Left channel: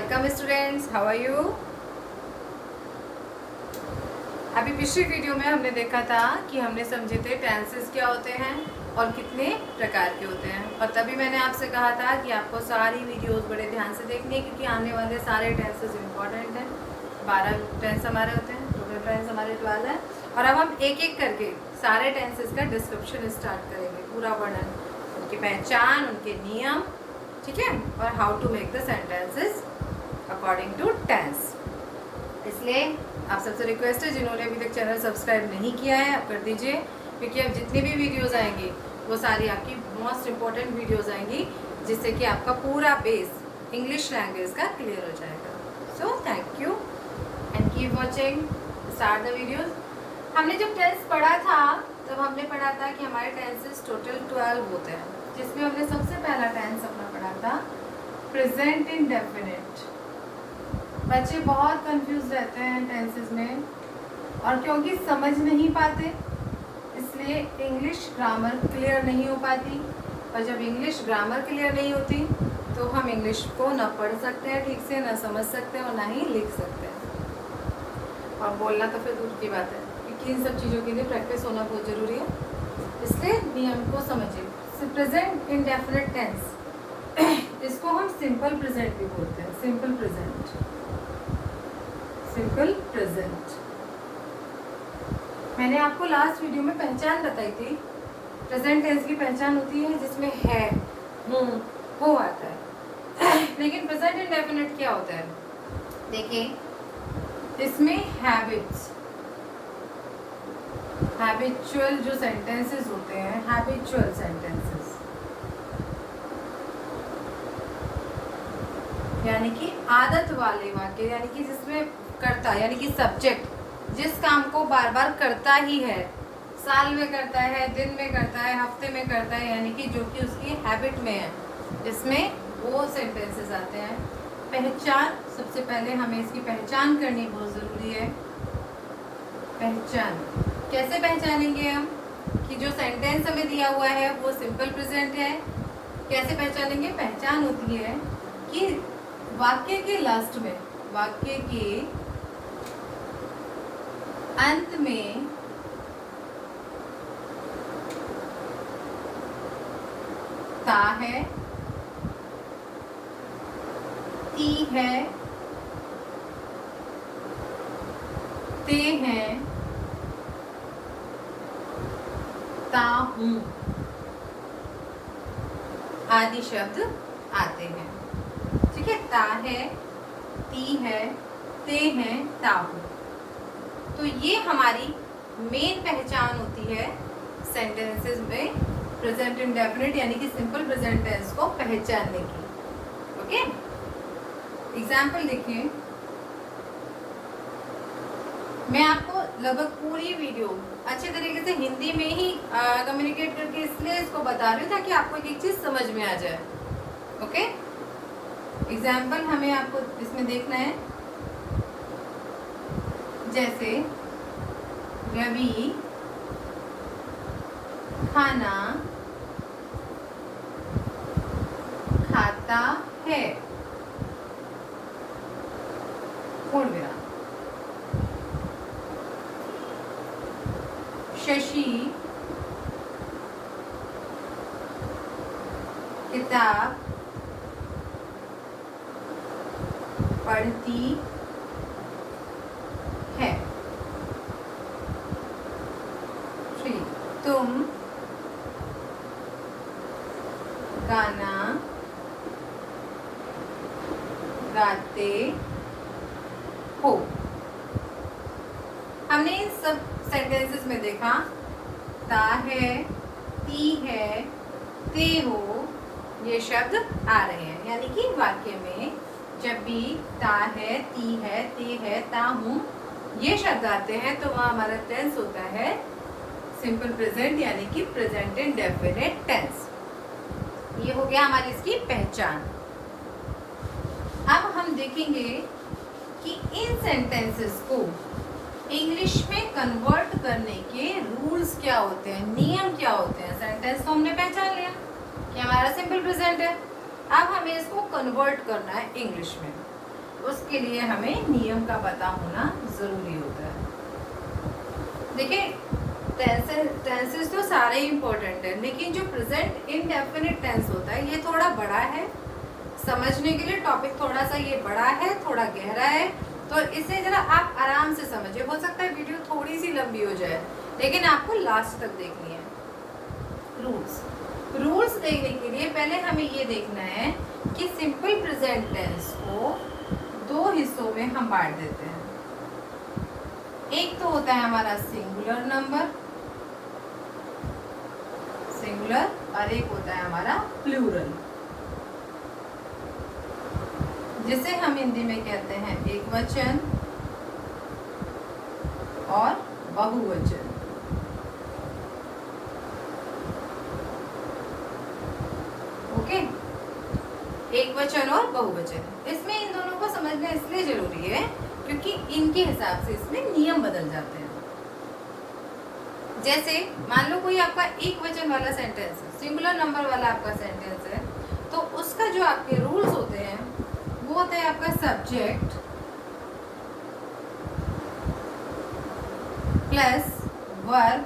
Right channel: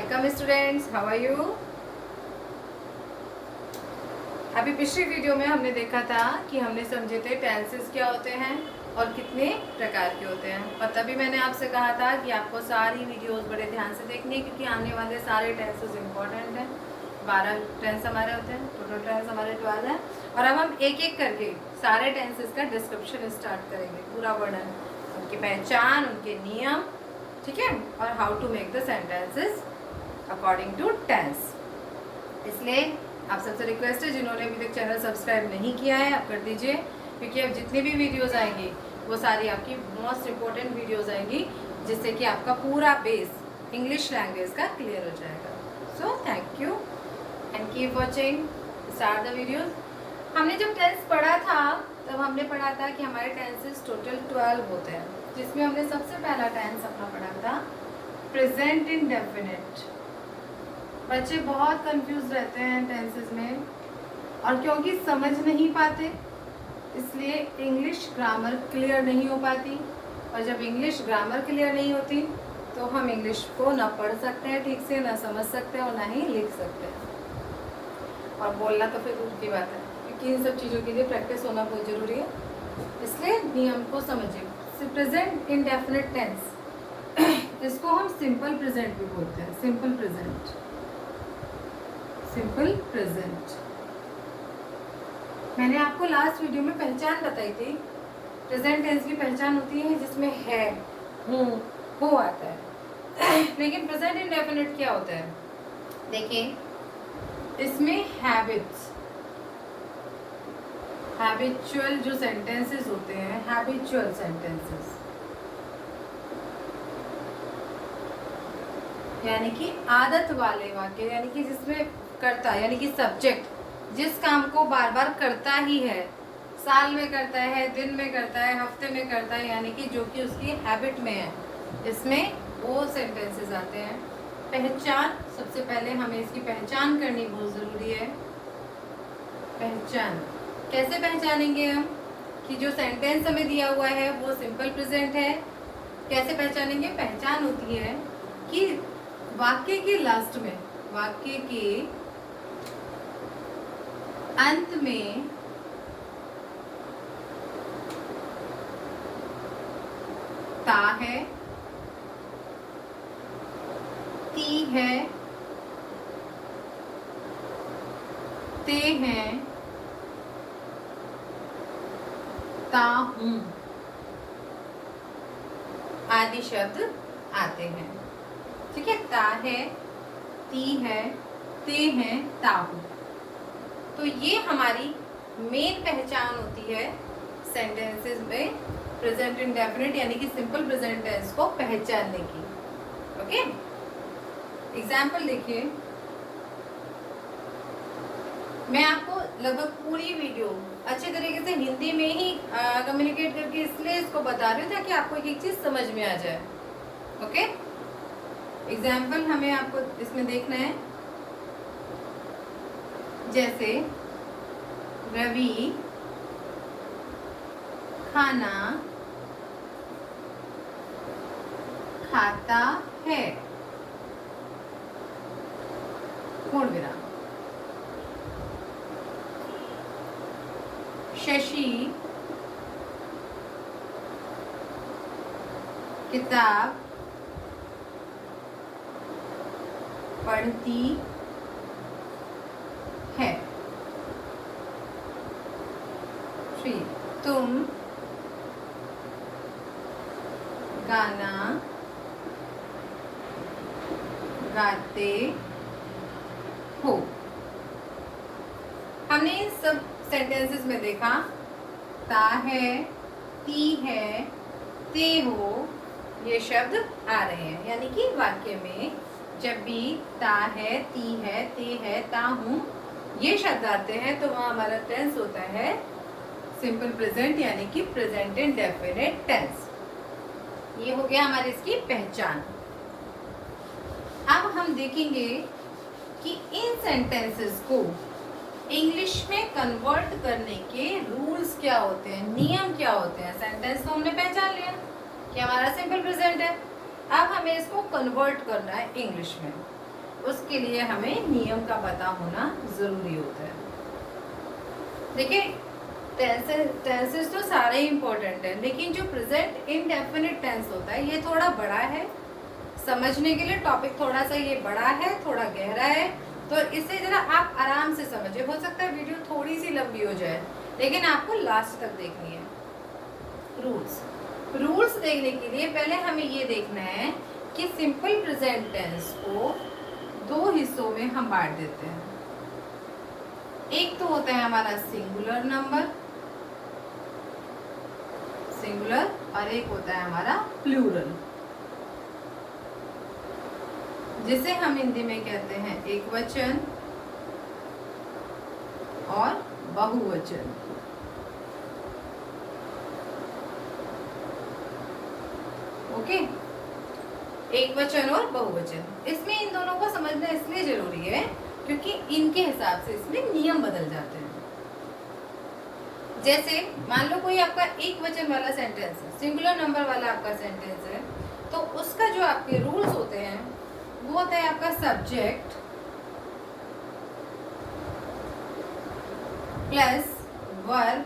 Welcome students, how are you. अभी पिछली video में हमने देखा था कि हमने समझे थे टेंसेस क्या होते हैं और कितने प्रकार के होते हैं। और तभी मैंने आपसे कहा था कि आपको सारी वीडियोस बड़े ध्यान से देखनी है, क्योंकि आने वाले सारे टेंसेस इंपॉर्टेंट हैं। 12 टेंस हमारे होते हैं, टोटल टेंस हमारे 12 हैं। और अब हम एक एक करके सारे टेंसेस का डिस्क्रिप्शन स्टार्ट करेंगे, पूरा वर्णन, उनकी पहचान, उनके नियम, ठीक है, और how to make the sentences according to tense. इसलिए आप सबसे रिक्वेस्ट है, जिन्होंने अभी तक चैनल सब्सक्राइब नहीं किया है आप कर दीजिए, क्योंकि अब जितनी भी वीडियोस आएंगी वो सारी आपकी मोस्ट इम्पोर्टेंट वीडियोस आएंगी, जिससे कि आपका पूरा बेस इंग्लिश लैंग्वेज का क्लियर हो जाएगा। So thank you and keep watching, start the videos. हमने जब टेंस पढ़ा था तब हमने पढ़ा था कि हमारे टेंसेस टोटल 12 होते हैं, जिसमें हमने सबसे पहला टेंस अपना पढ़ा था प्रेजेंट इंडेफिनिट। बच्चे बहुत कंफ्यूज रहते हैं टेंसेस में, और क्योंकि समझ नहीं पाते इसलिए इंग्लिश ग्रामर क्लियर नहीं हो पाती। और जब इंग्लिश ग्रामर क्लियर नहीं होती तो हम इंग्लिश को ना पढ़ सकते हैं ठीक से, ना समझ सकते हैं और ना ही लिख सकते हैं। और बोलना तो फिर दूर की बात है, क्योंकि इन सब चीज़ों के लिए प्रैक्टिस होना बहुत ज़रूरी है। इसलिए नियम को समझिए। प्रेजेंट इंडेफिनिट टेंस, इसको हम सिंपल प्रेजेंट भी बोलते हैं। Simple present, simple present. मैंने आपको लास्ट वीडियो में पहचान बताई थी। प्रेजेंट टेंस की पहचान होती है जिसमें है, हूँ, हो आता है। लेकिन प्रेजेंट इंडेफिनिट क्या होता है? देखिए, इसमें हैबिट्स, हैबिचुअल जो सेंटेंसेस होते हैं, हैबिचुअल सेंटेंसेस, यानी कि आदत वाले वाक्य, यानी कि जिसमें करता, यानी कि सब्जेक्ट जिस काम को बार बार करता ही है, साल में करता है, दिन में करता है, हफ्ते में करता है, यानी कि जो कि उसकी हैबिट में है, इसमें वो सेंटेंसेस आते हैं। पहचान, सबसे पहले हमें इसकी पहचान करनी बहुत ज़रूरी है। पहचान कैसे पहचानेंगे हम कि जो सेंटेंस हमें दिया हुआ है वो सिंपल प्रेजेंट है? कैसे पहचानेंगे? पहचान होती है कि वाक्य के लास्ट में, वाक्य के अंत में ता है, ती है, ते हैं, ता हूं आदि शब्द आते हैं। ठीक है, ता है, ती है, ते हैं, ता हूं। तो ये हमारी मेन पहचान होती है सेंटेंसेस में प्रेजेंट इंडेफिनिट यानी कि सिंपल प्रेजेंट टेंस को पहचानने की। ओके, एग्जाम्पल देखिए। मैं आपको लगभग पूरी वीडियो अच्छे तरीके से हिंदी में ही कम्युनिकेट करके इसलिए इसको बता रही हूँ ताकि आपको एक चीज समझ में आ जाए। ओके, एग्जाम्पल हमें आपको इसमें देखना है। जैसे रवि खाना खाता है, पूर्ण विराम। शशि किताब पढ़ती है। 3, तुम गाना गाते हो। हमने इन सब सेंटेंसेस में देखा ता है, ती है, ते हो, ये शब्द आ रहे हैं। यानी कि वाक्य में जब भी ता है, ती है, ते है, ता हूं, ये शब्द आते हैं तो वहां हमारा टेंस होता है सिंपल प्रेजेंट यानी कि प्रेजेंट इंडेफिनिट टेंस। ये हो गया हमारी इसकी पहचान। अब हम देखेंगे कि इन सेंटेंसेस को इंग्लिश में कन्वर्ट करने के रूल्स क्या होते हैं, नियम क्या होते हैं। सेंटेंस को हमने पहचान लिया कि हमारा सिंपल प्रेजेंट है, अब हमें इसको कन्वर्ट करना है इंग्लिश में। उसके लिए हमें नियम का पता होना जरूरी होता है। देखिए टेंसेस तो सारे इंपॉर्टेंट है, लेकिन जो प्रेजेंट इंडेफिनिट टेंस होता है ये थोड़ा बड़ा है समझने के लिए। टॉपिक थोड़ा सा ये बड़ा है, थोड़ा गहरा है, तो इसे जरा आप आराम से समझिए। हो सकता है वीडियो थोड़ी सी लंबी हो जाए, लेकिन आपको लास्ट तक देखनी है। रूल्स देखने के लिए पहले हमें ये देखना है कि सिंपल प्रेजेंट टेंस को दो हिस्सों में हम बांट देते हैं। एक तो होता है हमारा सिंगुलर नंबर, सिंगुलर, और एक होता है हमारा प्लूरल, जिसे हम हिंदी में कहते हैं एकवचन और बहुवचन। ओके, एकवचन और बहुवचन। इसमें इन दोनों को समझना इसलिए जरूरी है क्योंकि इनके हिसाब से इसमें नियम बदल जाते हैं। जैसे मान लो कोई आपका एक वचन वाला सेंटेंस है, सिंगुलर नंबर वाला आपका सेंटेंस है, तो उसका जो आपके रूल्स होते हैं वो होता है आपका सब्जेक्ट प्लस वर्ब।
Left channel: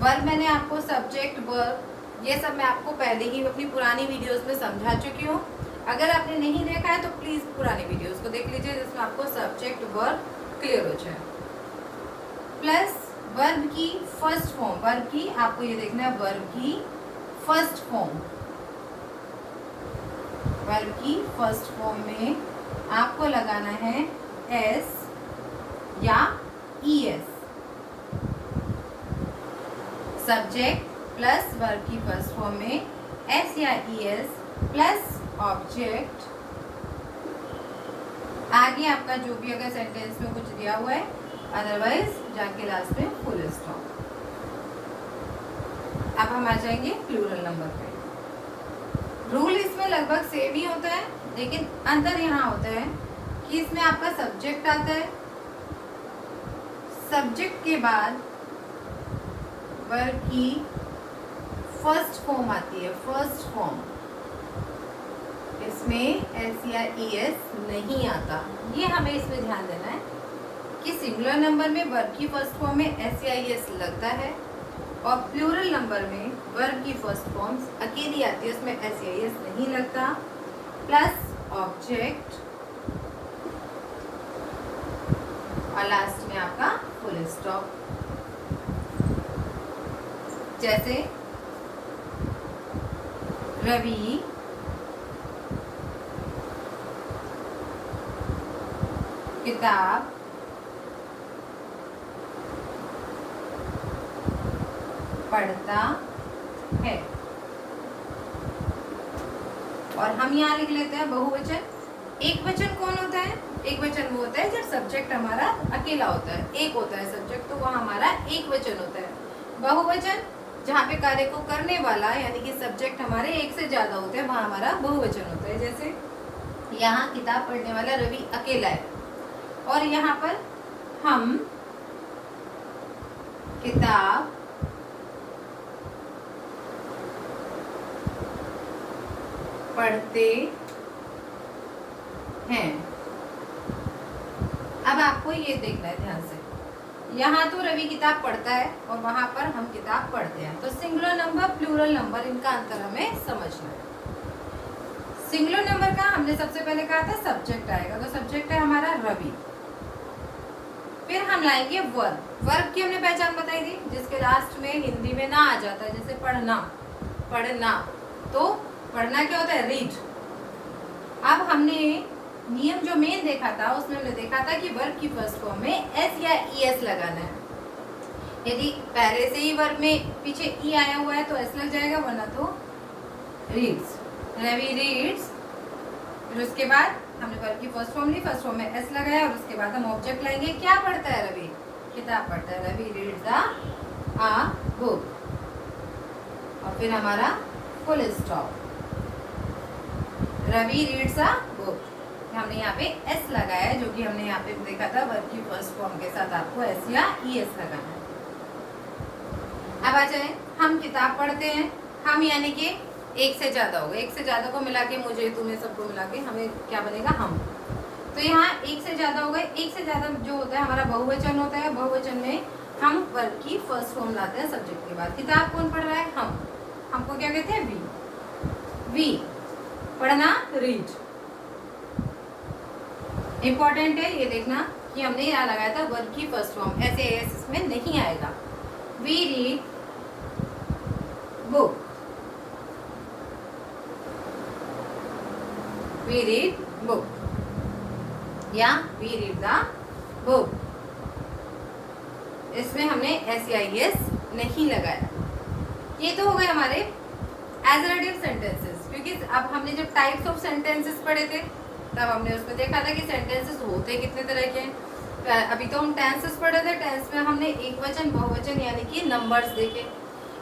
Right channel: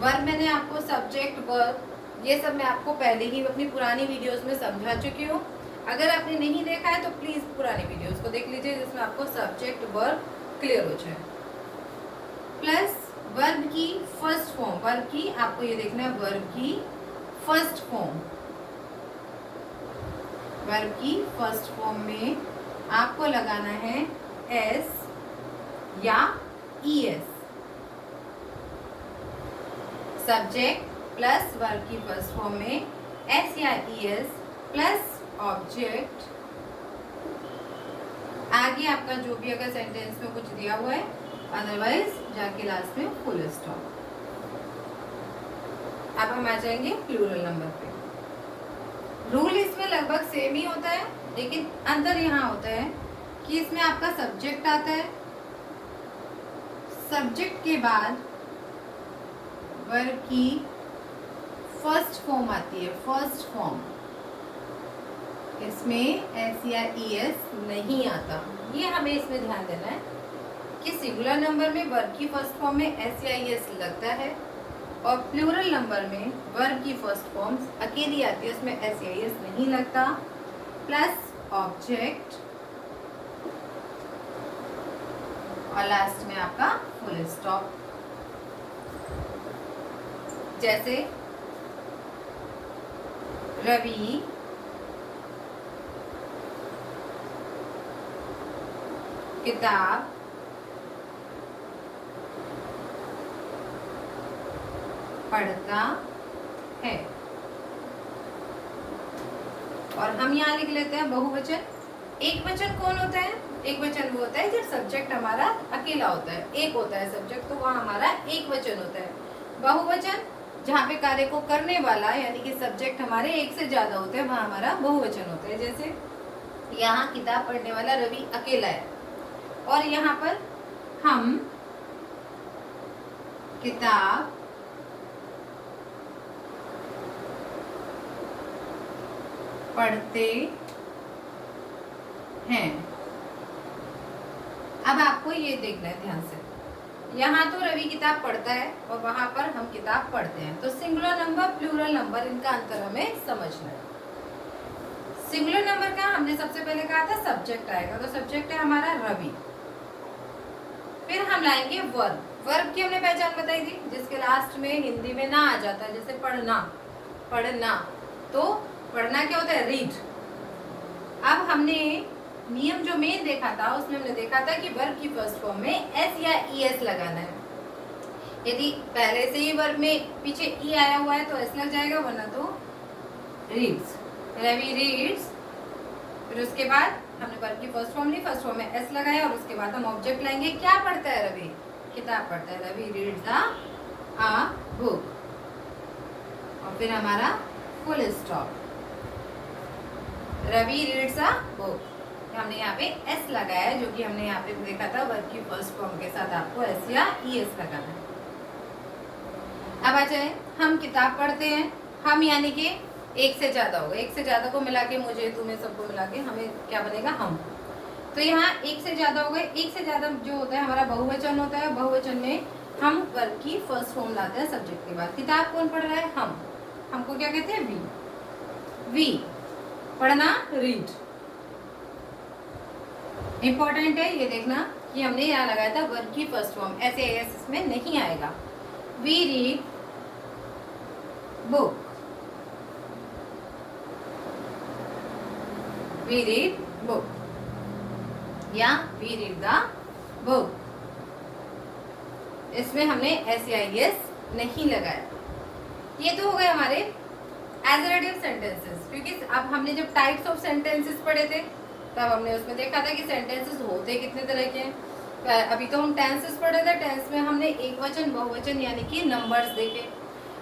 वर्ब मैंने आपको सब्जेक्ट वर्ब ये सब मैं आपको पहले ही अपनी पुरानी वीडियोस में समझा चुकी हूँ। अगर आपने नहीं देखा है तो प्लीज पुरानी वीडियोस को देख लीजिए, जिसमें आपको सब्जेक्ट वर्ब क्लियर हो जाए। प्लस वर्ब की फर्स्ट फॉर्म, वर्ब की आपको ये देखना है वर्ब की फर्स्ट फॉर्म। वर्ब की फर्स्ट फॉर्म में आपको लगाना है एस या ईएस। सब्जेक्ट प्लस वर्ब की फर्स्ट फॉर्म में एस या ईएस प्लस ऑब्जेक्ट। आगे आपका जो भी अगर सेंटेंस में कुछ दिया हुआ है, अदरवाइज जाके लास्ट में फुल स्टॉप। अब हम आ जाएंगे प्लूरल नंबर पे। रूल इसमें लगभग सेम ही होता है, लेकिन अंतर यहाँ होता है कि इसमें आपका सब्जेक्ट आता है, सब्जेक्ट के बाद वर्ब की फर्स्ट फॉर्म आती है, फर्स्ट फॉर्म। इसमें एस या ईएस नहीं आता। ये हमें इसमें ध्यान देना है कि सिंगुलर नंबर में वर्ब की फर्स्ट फॉर्म में एस या ईएस लगता है, और प्लूरल नंबर में वर्ब की फर्स्ट फॉर्म अकेली आती है, उसमें एस या ईएस नहीं लगता, प्लस ऑब्जेक्ट, और लास्ट में आपका फुल स्टॉप। जैसे रवि किताब पढ़ता है। और हम यहाँ लिख लेते हैं बहुवचन। एक वचन कौन होता है? एक वचन वो होता है जब सब्जेक्ट हमारा अकेला होता है, एक होता है सब्जेक्ट, तो वह हमारा एक वचन होता है। बहुवचन जहाँ पे कार्य को करने वाला यानी कि सब्जेक्ट हमारे एक से ज्यादा होते हैं, वहाँ हमारा बहुवचन होता है। जैसे यहाँ किताब पढ़ने वाला रवि अकेला है, और यहाँ पर हम किताब पढ़ते हैं। अब आपको ये देखना है ध्यान से, यहाँ तो रवि किताब पढ़ता है और वहां पर हम किताब पढ़ते हैं, तो सिंगुलर नंबर प्लूरल नंबर इनका अंतर हमें समझना है। सिंगुलर नंबर का हमने सबसे पहले कहा था सब्जेक्ट आएगा, तो सब्जेक्ट है हमारा रवि। फिर हम लाएंगे वर्ब। वर्ब की हमने पहचान बताई थी, जिसके लास्ट में हिंदी में ना आ जाता है, जैसे पढ़ना, पढ़ना, तो पढ़ना क्या होता है? रीड। अब हमने नियम जो मेन देखा था उसमें हमने देखा था कि वर्ब की फर्स्ट फॉर्म में एस या ईएस लगाना है। यदि पहले से ही वर्ब में पीछे ई आया हुआ है तो एस लग जाएगा, वरना तो रीड्स, रवि रीड्स। फिर उसके बाद हमने वर्ब की फर्स्ट फॉर्म ली, फर्स्ट फॉर्म में एस लगाया, और उसके बाद हम ऑब्जेक्ट लाएंगे। क्या पढ़ता है रवि? किताब पढ़ता है। रवि रीड्स अ बुक, और फिर हमारा full stop. Ravi reads a book, हमने यहाँ पे एस लगाया है, जो कि हमने यहाँ पे देखा था वर्ब की फर्स्ट फॉर्म के साथ आपको एस या ईएस लगाना है। अब आ जाए, हम किताब पढ़ते हैं। हम यानी कि एक से ज़्यादा होगा, एक से ज़्यादा को मिला के मुझे, तुम्हें, सबको मिला के हमें क्या बनेगा, हम। तो यहाँ एक से ज़्यादा हो गए। एक से ज़्यादा जो होता है हमारा बहुवचन होता है। बहुवचन में हम वर्ब की फर्स्ट फॉर्म लाते हैं सब्जेक्ट के बाद। किताब कौन पढ़ रहा है, हम। हमको क्या कहते हैं, वी। पढ़ना, रीड। इंपॉर्टेंट है ये देखना कि हमने यहाँ लगाया था वर्ब की फर्स्ट फॉर्म, ऐसे एस इसमें नहीं आएगा। We read book, we read book, या वी रीड द बुक। इसमें हमने SEIS नहीं लगाया। ये तो हो गए हमारे एजरेटिव सेंटेंसेस। क्योंकि अब हमने जब टाइप्स ऑफ सेंटेंसेस पढ़े थे तब हमने उसमें देखा था कि सेंटेंसेस होते कितने तरह के हैं। अभी तो हम टेंसेस पढ़े थे, टेंस में हमने एक वचन, बहुवचन यानी कि नंबर्स देखे।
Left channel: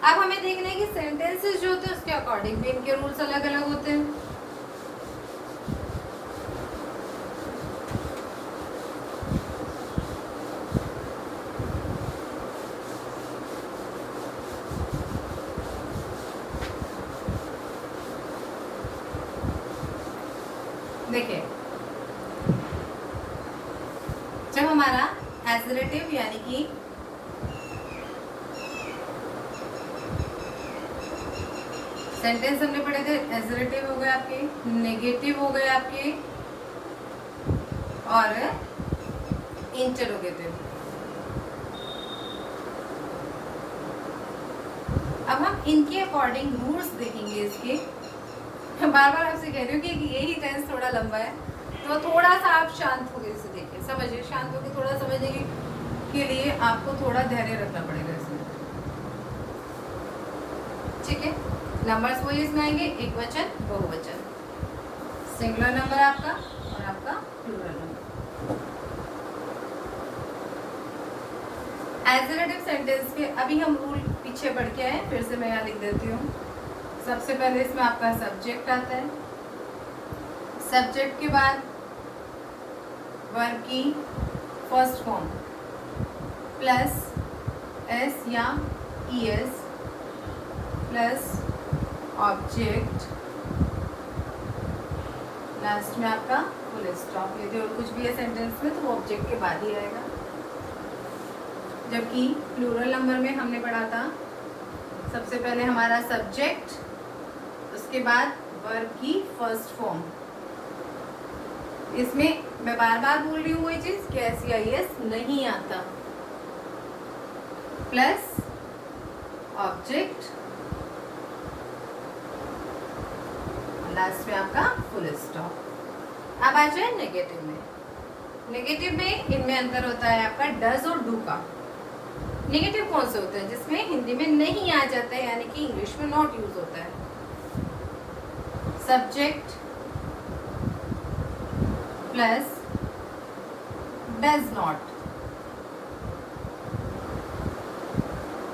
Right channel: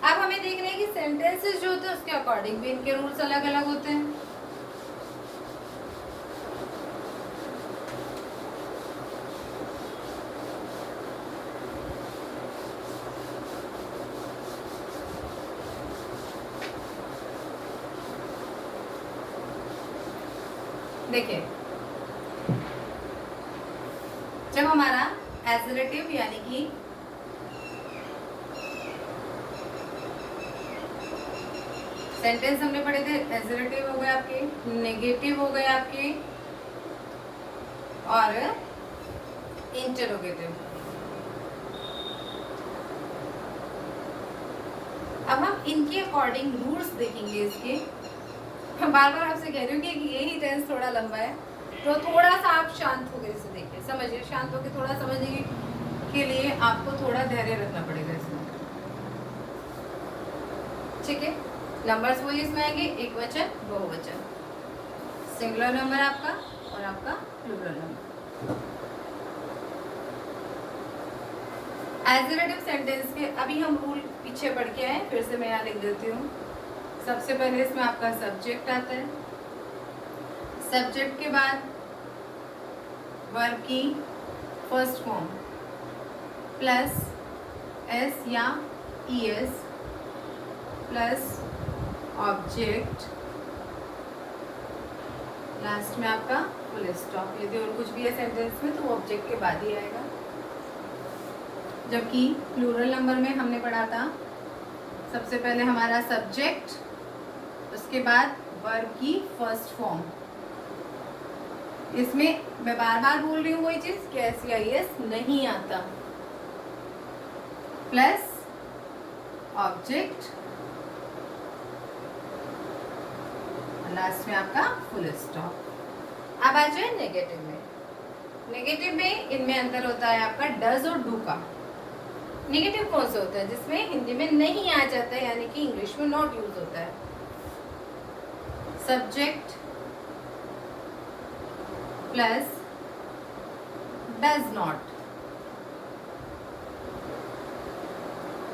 अब हमें देखना है कि सेंटेंसेस जो होते हैं उसके अकॉर्डिंग भी इनके रूल्स अलग अलग होते हैं। देखिए, जब हमारा एजरेटिव यानी कि सेंटेंस हमने पढ़े थे, एजरेटिव हो गए आपके, नेगेटिव हो गए आपके, और इंटरोगेटिव। अब हम इनके अकॉर्डिंग रूल्स देखेंगे इसके। बार बार आपसे कह रही हूँ कि यही टेंस थोड़ा लंबा है, तो थोड़ा सा आप शांत होकर इसे देखिए, समझिए। शांत होकर थोड़ा समझने के लिए आपको थोड़ा धैर्य रखना पड़ेगा इसमें, ठीक है। नंबर्स वही इसमें आएंगे, एक वचन, बहुवचन, सिंगुलर नंबर आपका और आपका प्लूरल नंबर। एजरेटिव सेंटेंस के अभी हम रूल पीछे पढ़ के आए, फिर से मैं यहाँ लिख देती हूँ। सबसे पहले इसमें आपका सब्जेक्ट आता है। सब्जेक्ट के बाद वर्ब की फर्स्ट फॉर्म प्लस एस या ES प्लस ऑब्जेक्ट, लास्ट में आपका फुल स्टॉप। यदि और कुछ भी है सेंटेंस में तो वो ऑब्जेक्ट के बाद ही आएगा। जबकि प्लूरल नंबर में हमने पढ़ा था सबसे पहले हमारा सब्जेक्ट, उसके बाद वर्ब की फर्स्ट फॉर्म। इसमें मैं बार बार बोल रही हूँ वही चीज कि SEIS नहीं आता, प्लस ऑब्जेक्ट, लास्ट में आपका फुल स्टॉप। अब आ जाए नेगेटिव में। नेगेटिव में इनमें अंतर होता है आपका डज और डू का। नेगेटिव कौन से होता है, जिसमें हिंदी में नहीं आ जाता है, यानी कि इंग्लिश में नॉट यूज होता है। Subject plus does not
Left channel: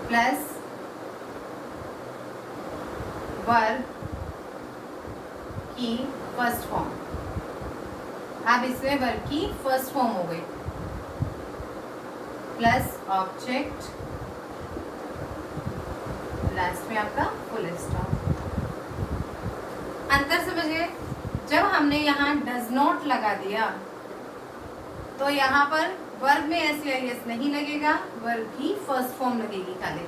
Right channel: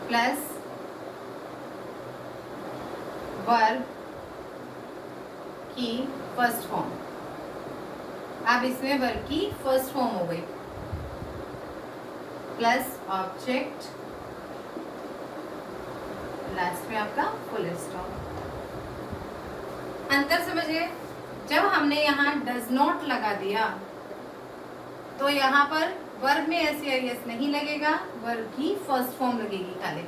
plus verb की फर्स्ट फॉर्म। अब इसमें वर्ब की फर्स्ट फॉर्म हो गई, प्लस ऑब्जेक्ट, लास्ट में आपका फुल स्टॉप। अंतर समझिए, जब हमने यहाँ डज नॉट लगा दिया तो यहाँ पर वर्ब में SEIS नहीं लगेगा, वर्ब की फर्स्ट फॉर्म लगेगी खाली,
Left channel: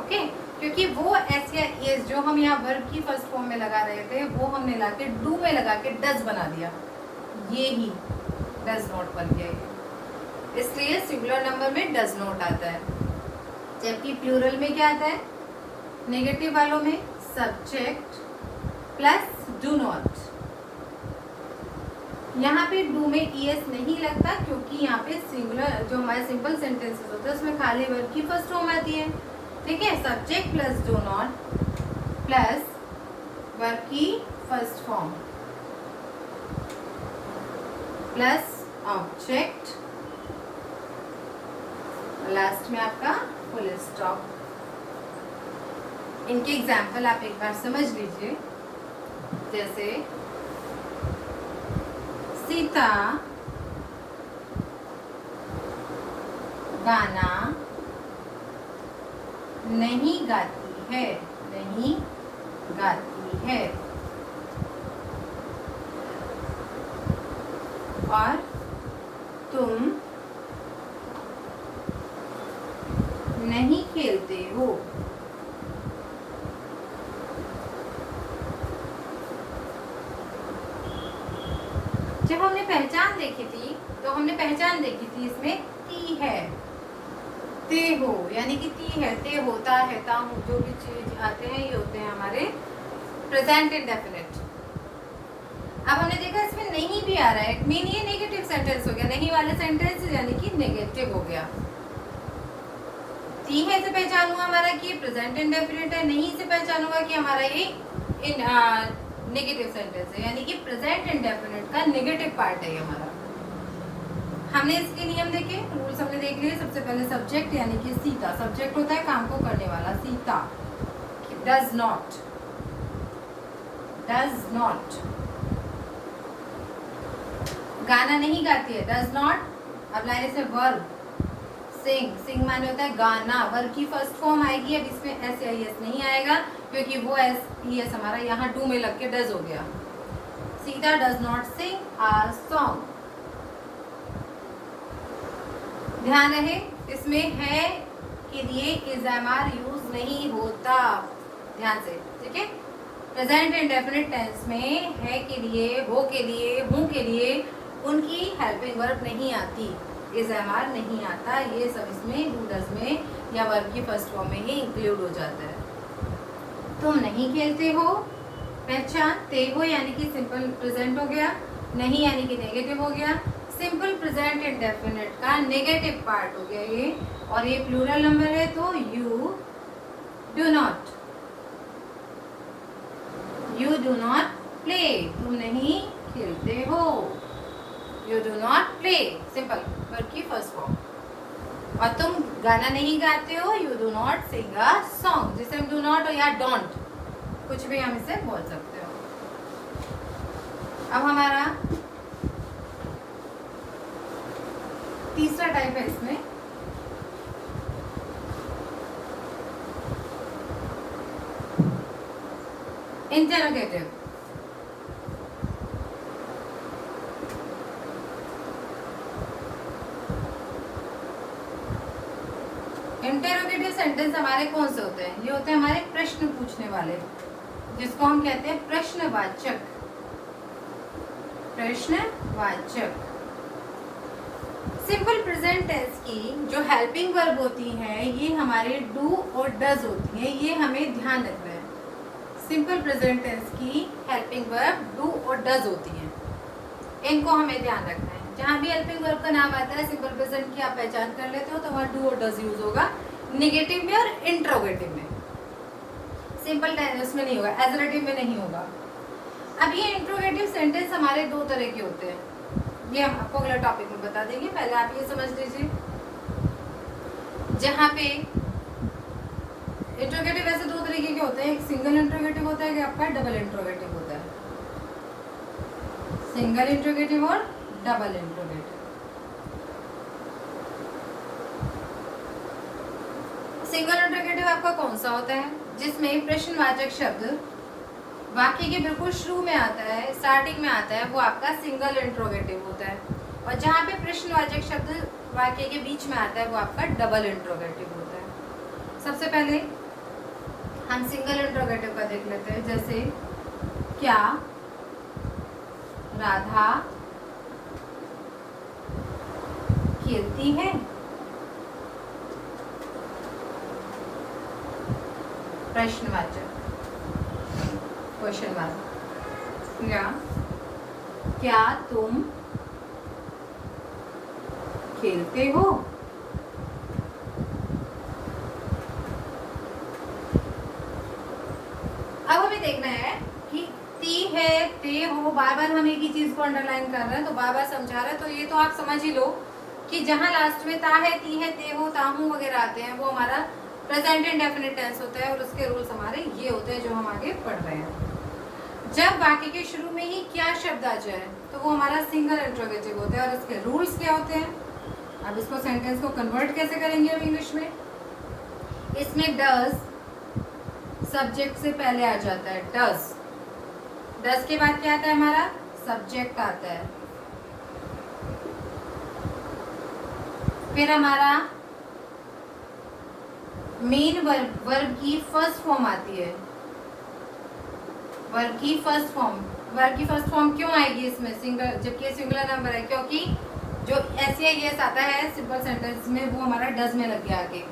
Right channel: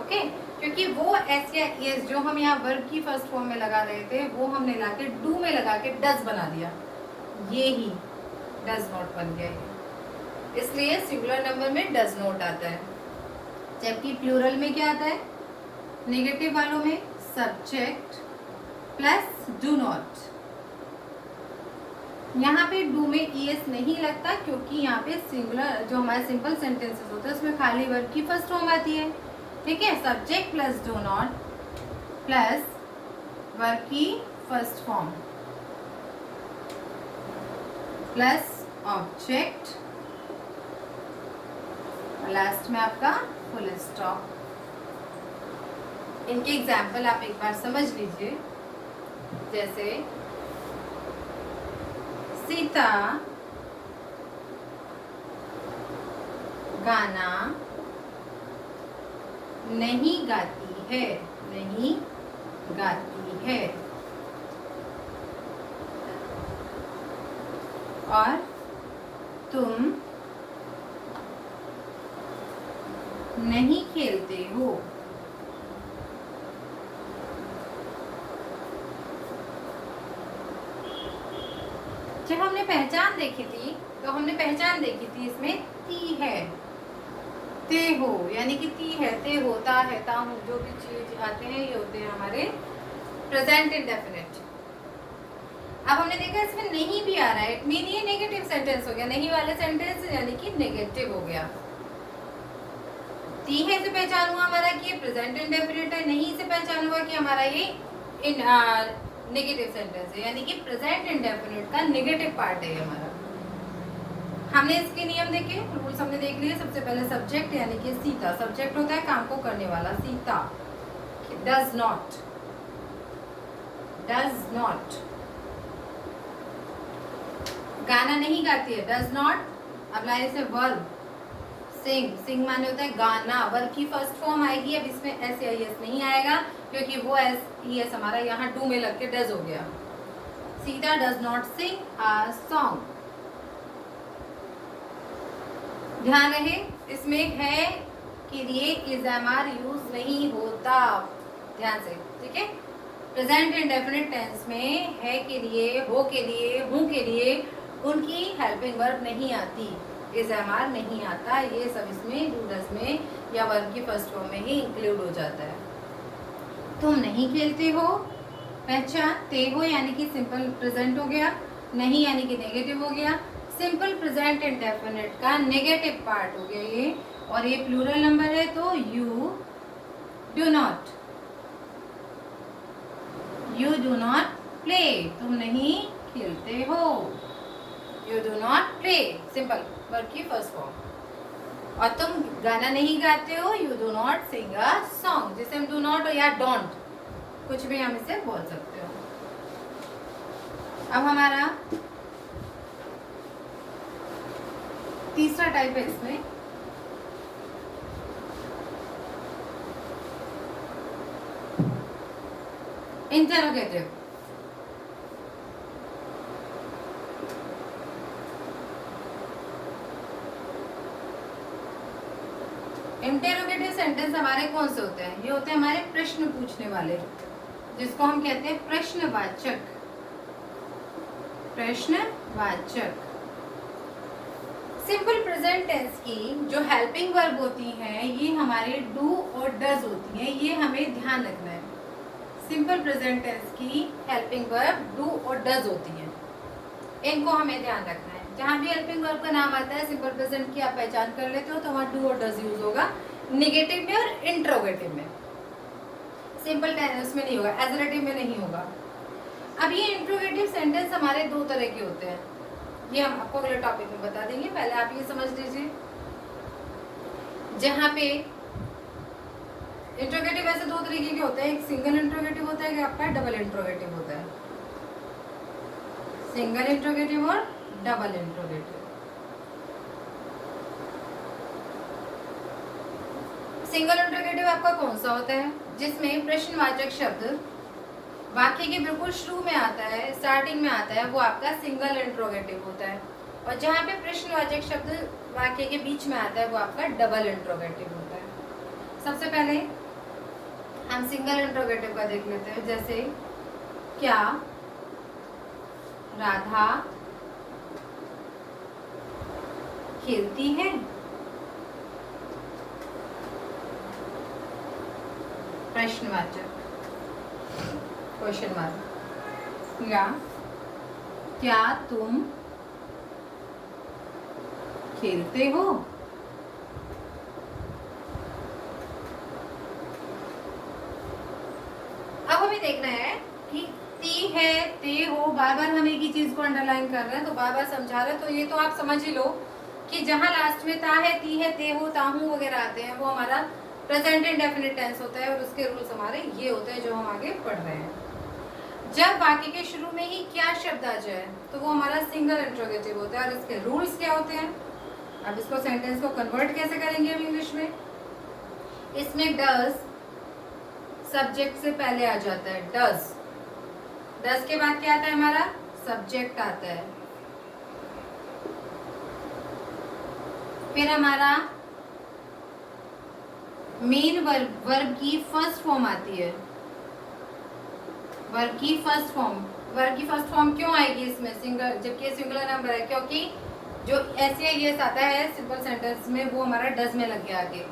ओके। क्योंकि वो SEIS जो हम यहाँ वर्ब की फर्स्ट फॉर्म में लगा रहे थे वो हमने लाके डू में लगा के डज बना दिया, ये ही डज नॉट बन गया, इसलिए सिंगुलर नंबर में डज नॉट आता है। जबकि प्लूरल में क्या आता है, नेगेटिव वालों में सब्जेक्ट प्लस डू नॉट। यहाँ पे डू में ES नहीं लगता क्योंकि यहाँ पे सिंगुलर जो हमारे सिंपल सेंटेंसेस होते हैं उसमें खाली वर्ब की फर्स्ट फॉर्म आती है, ठीक है। Subject plus do not plus verb की first form plus object, last में आपका फुल स्टॉप। इनके एग्जाम्पल आप एक बार समझ लीजिए, जैसे सीता गाना नहीं गाती है, नहीं गाती है। और तुम नहीं खेलते हो। जब हमने पहचान देखी थी तो हमने पहचान देखी थी इसमें ती है, ते हो, यानी कि ती है, ते होता है, ता हूँ, जो भी चीज आते हैं ये होते हैं हमारे प्रेजेंट इंडेफिनिट। अब हमने देखा इसमें नहीं भी आ रहा है, इट मीन ये नेगेटिव सेंटेंस हो गया, नहीं वाले सेंटेंस यानी कि नेगेटिव हो गया। ती है से पहचान हुआ हमारा कि प्रेजेंट इंडेफिनिट है, नहीं से पहचान हुआ कि हमारा ये नेगेटिव सेंटेंस है, यानी कि प्रेजेंट इंडेफिनिट का नेगेटिव पार्ट है हमारा। हमने इसके नियम देखे, रूल्स हमने देख लिए। सबसे पहले सब्जेक्ट यानी कि सीता, सब्जेक्ट होता है काम को करने वाला, Sita. Does not, does not. गाना नहीं गाती है, डज नॉट। अब लाइन से वर्ब, सिंग, सिंग माने होता है गाना, वर्ब की फर्स्ट फॉर्म आएगी। अब इसमें एस या एस नहीं आएगा क्योंकि वो एस एस हमारा यहाँ डू में लग के डज हो गया। Sita does not sing a song. ध्यान रहे इसमें है के लिए इज एम आर यूज नहीं होता, ध्यान से, ठीक है। प्रेजेंट इंडेफिनिट टेंस में है के लिए, हो के लिए, हूँ के लिए उनकी हेल्पिंग वर्ब नहीं आती, इज एम आर नहीं आता, ये सब इसमें डू डज में या वर्ब की फर्स्ट फॉर्म में ही इंक्लूड हो जाता है। तुम नहीं खेलते हो, पहचान, ते हो यानी कि सिंपल प्रेजेंट हो गया, नहीं यानी कि नेगेटिव हो गया। सिंपल प्रेजेंट इंडेफिनिट का नेगेटिव पार्ट हो गया ये, और ये प्लूरल नंबर है तो you do not, you do not play, तुम नहीं खेलते हो, you do not play, simple verb की फर्स्ट फॉर्म। और तुम गाना नहीं गाते हो, you do not sing a song, जिसे हम डू नॉट या डोंट कुछ भी हम इसे बोल सकते हो। अब हमारा तीसरा टाइप है इसमें इंटरोगेटिव। इंटरोगेटिव सेंटेंस हमारे कौन से होते हैं? ये होते हैं हमारे प्रश्न पूछने वाले, जिसको हम कहते हैं प्रश्नवाचक, प्रश्नवाचक। सिंपल प्रेजेंट टेंस की जो हेल्पिंग वर्ब होती हैं ये हमारे डू और डज होती हैं, ये हमें ध्यान रखना है। सिंपल प्रेजेंट टेंस की हेल्पिंग वर्ब डू और डज होती हैं, इनको हमें ध्यान रखना है। जहाँ भी हेल्पिंग वर्ब का नाम आता है सिंपल प्रेजेंट की आप पहचान कर लेते हो तो वहाँ डू और डज यूज होगा, निगेटिव में और इंट्रोगेटिव में। सिंपल टेंस में नहीं होगा, एजरेटिव में नहीं होगा। अब ये इंट्रोगेटिव सेंटेंस हमारे दो तरह के होते हैं, ये हम आपको अगले टॉपिक में बता देंगे, पहले आप ये समझ लीजिए। जहाँ पे इंट्रोगेटिव ऐसे दो तरीके के होते हैं, एक सिंगल इंट्रोगेटिव होता है, एक आपका डबल इंट्रोगेटिव होता है। सिंगल इंट्रोगेटिव और डबल इंट्रोगेटिव। सिंगल इंट्रोगेटिव आपका कौन सा होता है? जिसमें प्रश्नवाचक शब्द वाक्य के बिल्कुल शुरू में आता है, स्टार्टिंग में आता है, वो आपका सिंगल इंट्रोगेटिव होता है। और जहाँ पे प्रश्नवाचक शब्द वाक्य के बीच में आता है वो आपका डबल इंट्रोगेटिव होता है। सबसे पहले हम सिंगल इंट्रोगेटिव का देख लेते हैं, जैसे क्या राधा खेलती है? प्रश्नवाचक, क्वेश्चन मार्क। या क्या तुम खेलते हो? अब हमें देखना है कि ती है, ते हो, बार बार हम एक ही चीज को अंडरलाइन कर रहे हैं, तो बार बार समझा रहे हैं, तो ये तो आप समझ ही लो कि जहां लास्ट में ता है, ती है, ते हो, ताहू वगैरह आते हैं वो हमारा प्रेजेंट इंडेफिनिट टेंस होता है, और उसके रूल्स हमारे ये होते हैं जो हम आगे पढ़ रहे हैं। जब वाक्य के शुरू में ही क्या शब्द आ जाए तो वो हमारा सिंगल इंट्रोगेटिव होता है, और इसके रूल्स क्या होते हैं? अब इसको सेंटेंस को कन्वर्ट कैसे करेंगे हम इंग्लिश में? इसमें डज सब्जेक्ट से पहले आ जाता है डज। डज के बाद क्या आता है हमारा? सब्जेक्ट आता है। फिर हमारा मेन वर्ब की फर्स्ट फॉर्म आती है। वर्ब की फर्स्ट फॉर्म क्यों आएगी इसमें सिंगल, जबकि ये सिंगुलर नंबर है? क्योंकि जो एस या एस आता है सिंपल सेंटेंस में वो हमारा डज में लग गया आगे।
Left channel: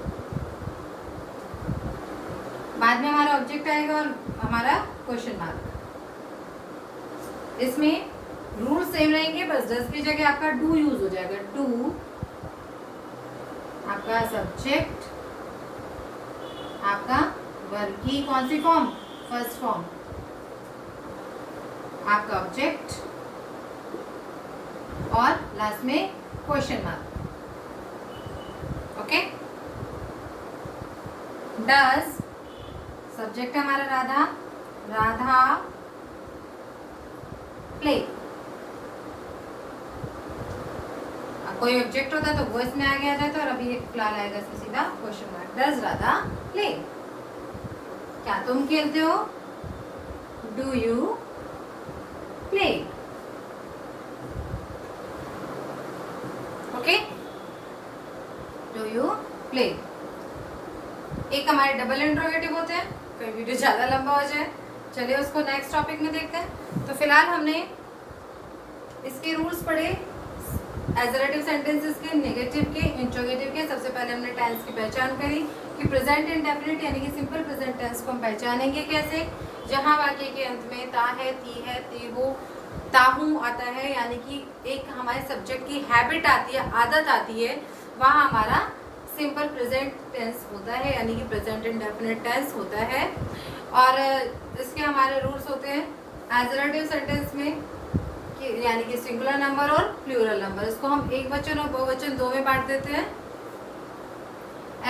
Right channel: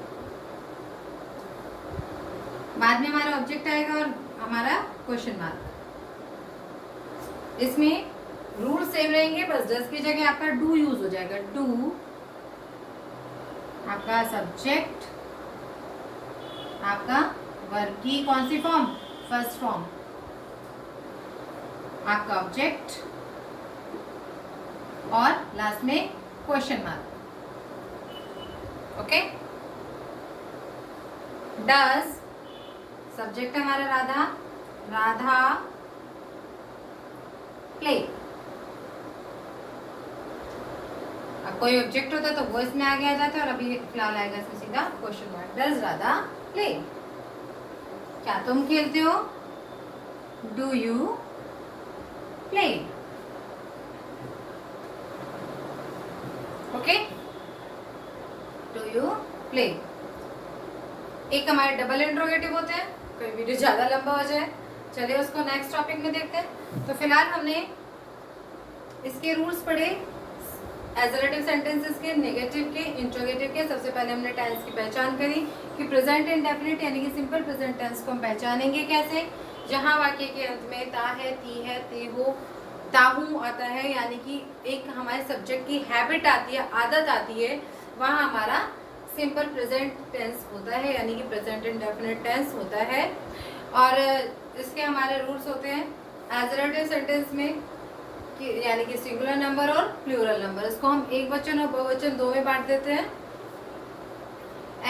बाद में हमारा ऑब्जेक्ट आएगा और हमारा क्वेश्चन मार्क। इसमें रूल सेम रहेंगे, बस डज की जगह आपका डू यूज हो जाएगा। डू आपका सब्जेक्ट, आपका वर्ब की कौन सी फॉर्म? फर्स्ट फॉर्म, आपका ऑब्जेक्ट और लास्ट में question mark. Okay. Does subject हमारा राधा, राधा प्ले। अब कोई ऑब्जेक्ट होता तो वो इसमें आगे आ जाता और अभी फिलहाल आएगा इसमें सीधा question mark. Does Radha play? क्या तुम खेलते हो? Do you play? Okay, do you play. एक हमारे डबल इंट्रोगेटिव होते हैं, कोई वीडियो ज्यादा लंबा हो जाए, चलिए उसको नेक्स्ट टॉपिक में देखते हैं। तो फिलहाल हमने इसके रूल्स पढ़े, एजरेटिव सेंटेंसेस के, नेगेटिव के, इंट्रोगेटिव के। सबसे पहले हमने टेंस की पहचान करी कि प्रेजेंट इंडेफिनिट यानी कि सिंपल प्रेजेंट टेंस को हम पहचानेंगे कैसे? जहां वाक्य के अंत में ता है, ती है, ती हो, ताहू आता है, यानी कि एक हमारे सब्जेक्ट की हैबिट आती है, आदत आती है, वहाँ हमारा सिंपल प्रेजेंट टेंस होता है, यानी कि प्रेजेंट इंडेफिनिट टेंस होता है। और इसके हमारे रूल्स होते हैं एजरेटिव सेंटेंस में यानी कि सिंगुलर नंबर और प्लूरल नंबर। इसको हम एक वचन और बहुवचन दो में बांट देते हैं।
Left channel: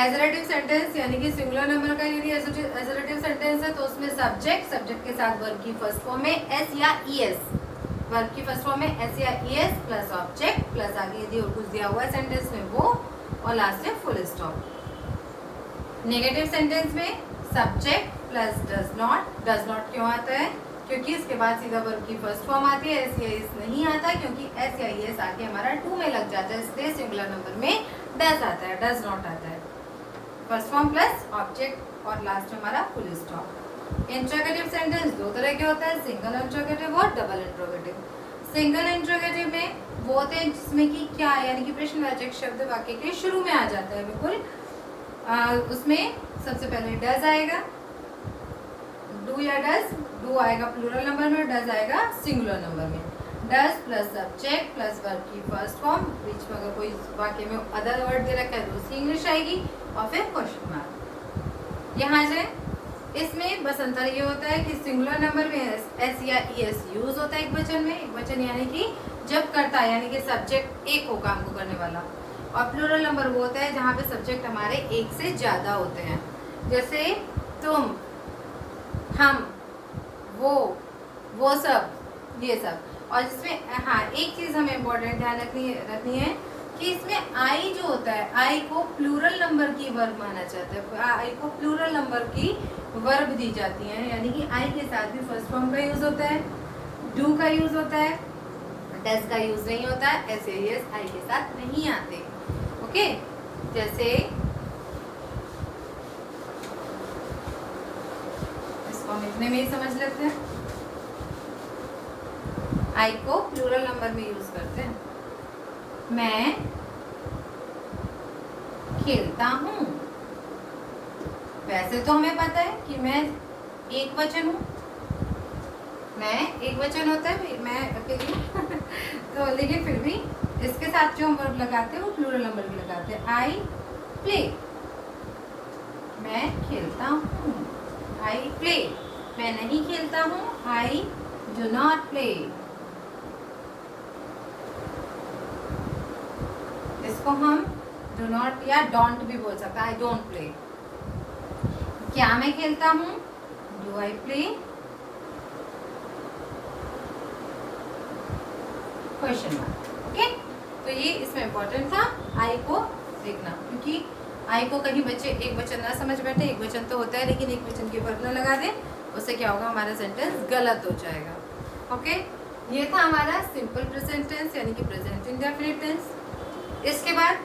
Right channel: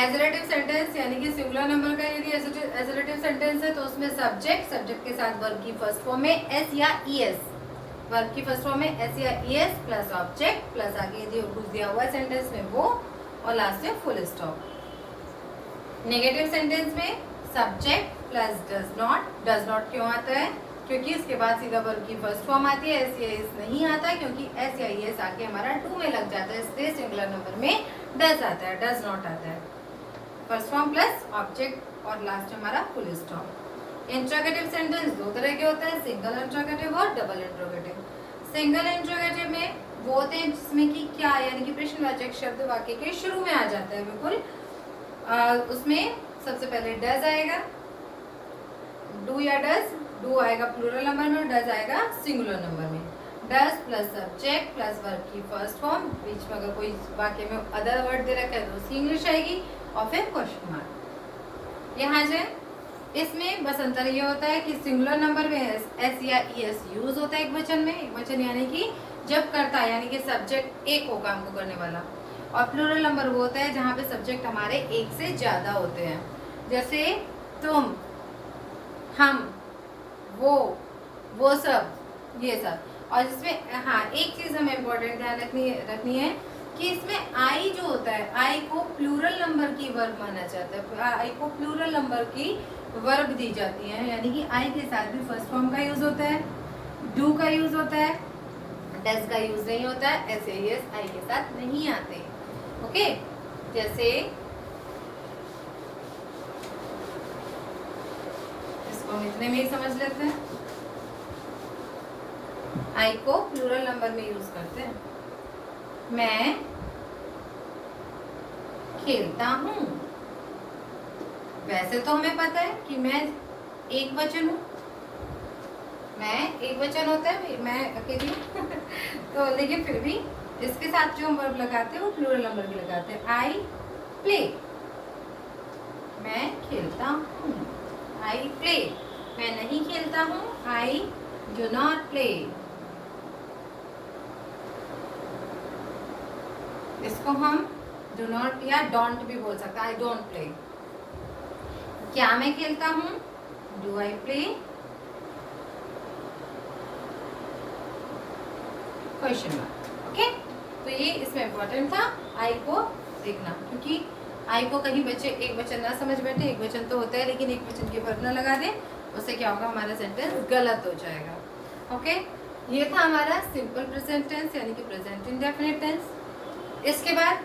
एजरेटिव सेंटेंस यानी कि सिंगुलर नंबर का यदि एजरेटिव सेंटेंस है तो उसमें सब्जेक्ट के साथ वर्ब की फर्स्ट फॉर्म में एस या ईएस, वर्ब की फर्स्ट फॉर्म में एस या ईएस प्लस ऑब्जेक्ट प्लस आगे यदि और कुछ दिया हुआ है सेंटेंस में वो, और लास्ट में फुल स्टॉप। नेगेटिव सेंटेंस में सब्जेक्ट प्लस डज नॉट क्यों आता है? क्योंकि इसके बाद सीधा वर्ब की फर्स्ट फॉर्म आती है, एस या एस नहीं आता, क्योंकि एस या एस आके हमारा टू में लग जाता है, इसलिए सिंगुलर नंबर में डज आता है, डज नॉट आता है। फर्स्ट फॉर्म प्लस ऑब्जेक्ट और लास्ट में हमारा फुल स्टॉप। इंट्रोगेटिव सेंटेंस दो तरह के होता है, सिंगल इंट्रोगेटिव और डबल इंट्रोगेटिव। सिंगल इंट्रोगेटिव में वो होते हैं जिसमें कि क्या यानी कि प्रश्नवाचक शब्द वाक्य के शुरू में आ जाता है, बिल्कुल। उसमें सबसे पहले डज आएगा, डू या डज, डू आएगा प्लूरल नंबर में, डज आएगा सिंगुलर नंबर में। Does plus subject plus verb की फर्स्ट फॉर्म, बीच में अगर कोई वाक्य में अदर वर्ड दे रखा है तो उसकी इंग्लिश आएगी, और फिर क्वेश्चन मार्क। यहाँ से इसमें बस अंतर ये होता है कि सिंगुलर नंबर में एस या ईएस यूज होता है एक वचन में, एक वचन यानी कि जब करता है, यानी कि सब्जेक्ट एक हो काम को करने वाला, और प्लूरल नंबर वो होता है जहाँ पे सब्जेक्ट हमारे एक से ज्यादा होते हैं, जैसे तुम, हम, वो सब, ये सब। और जिसमें हाँ एक चीज हमें इम्पोर्टेंट ध्यान रखनी है कि इसमें आई जो होता है, आई को प्लूरल नंबर की वर्ब माना जाता है, आई को प्लूरल नंबर की वर्ब दी जाती है, यानी कि आई के साथ भी फर्स्ट फॉर्म का यूज होता है, डू का यूज होता है, डज का यूज नहीं होता है, ऐसे यस आई के साथ नहीं आते। ओके, जैसे इसको हम इतने में ही समझ लेते हैं, आई को प्लूरल नंबर में यूज करते हैं। मैं खेलता हूँ, वैसे तो हमें पता है कि मैं एक वचन हूँ, मैं एक वचन होता है, मैं अकेली तो लेकिन फिर भी इसके साथ जो हम वर्ब लगाते हैं वो प्लूरल नंबर भी लगाते हैं। आई प्ले, मैं खेलता हूँ, आई प्ले। मैं नहीं खेलता हूँ, आई डू नॉट प्ले। इसको हम डू नॉट या डोंट भी बोल सकते हैं, आई डोंट प्ले। क्या मैं खेलता हूँ, do I play, question mark. Okay, तो ये इसमें इम्पोर्टेंट था आई को देखना, क्योंकि आई को कहीं बच्चे एक वचन ना समझ बैठे, एक वचन तो होता है लेकिन एक वचन के ऊपर न लगा दे, उससे क्या होगा, हमारा सेंटेंस गलत हो जाएगा। ओके, ये था हमारा सिंपल प्रेजेंट टेंस यानी कि प्रेजेंट इंडेफिनिट टेंस। इसके बाद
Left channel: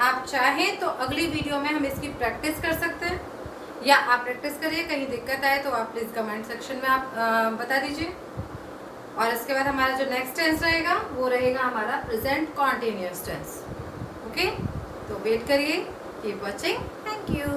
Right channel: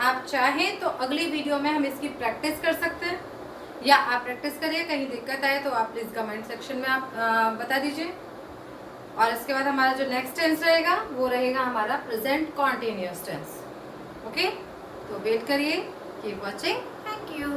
आप चाहें तो अगली वीडियो में हम इसकी प्रैक्टिस कर सकते हैं, या आप प्रैक्टिस करिए, कहीं दिक्कत आए तो आप प्लीज़ कमेंट सेक्शन में आप बता दीजिए। और इसके बाद हमारा जो नेक्स्ट टेंस रहेगा वो रहेगा हमारा प्रेजेंट कॉन्टिन्यूअस टेंस। ओके, तो वेट करिए, कीप वॉचिंग, थैंक यू।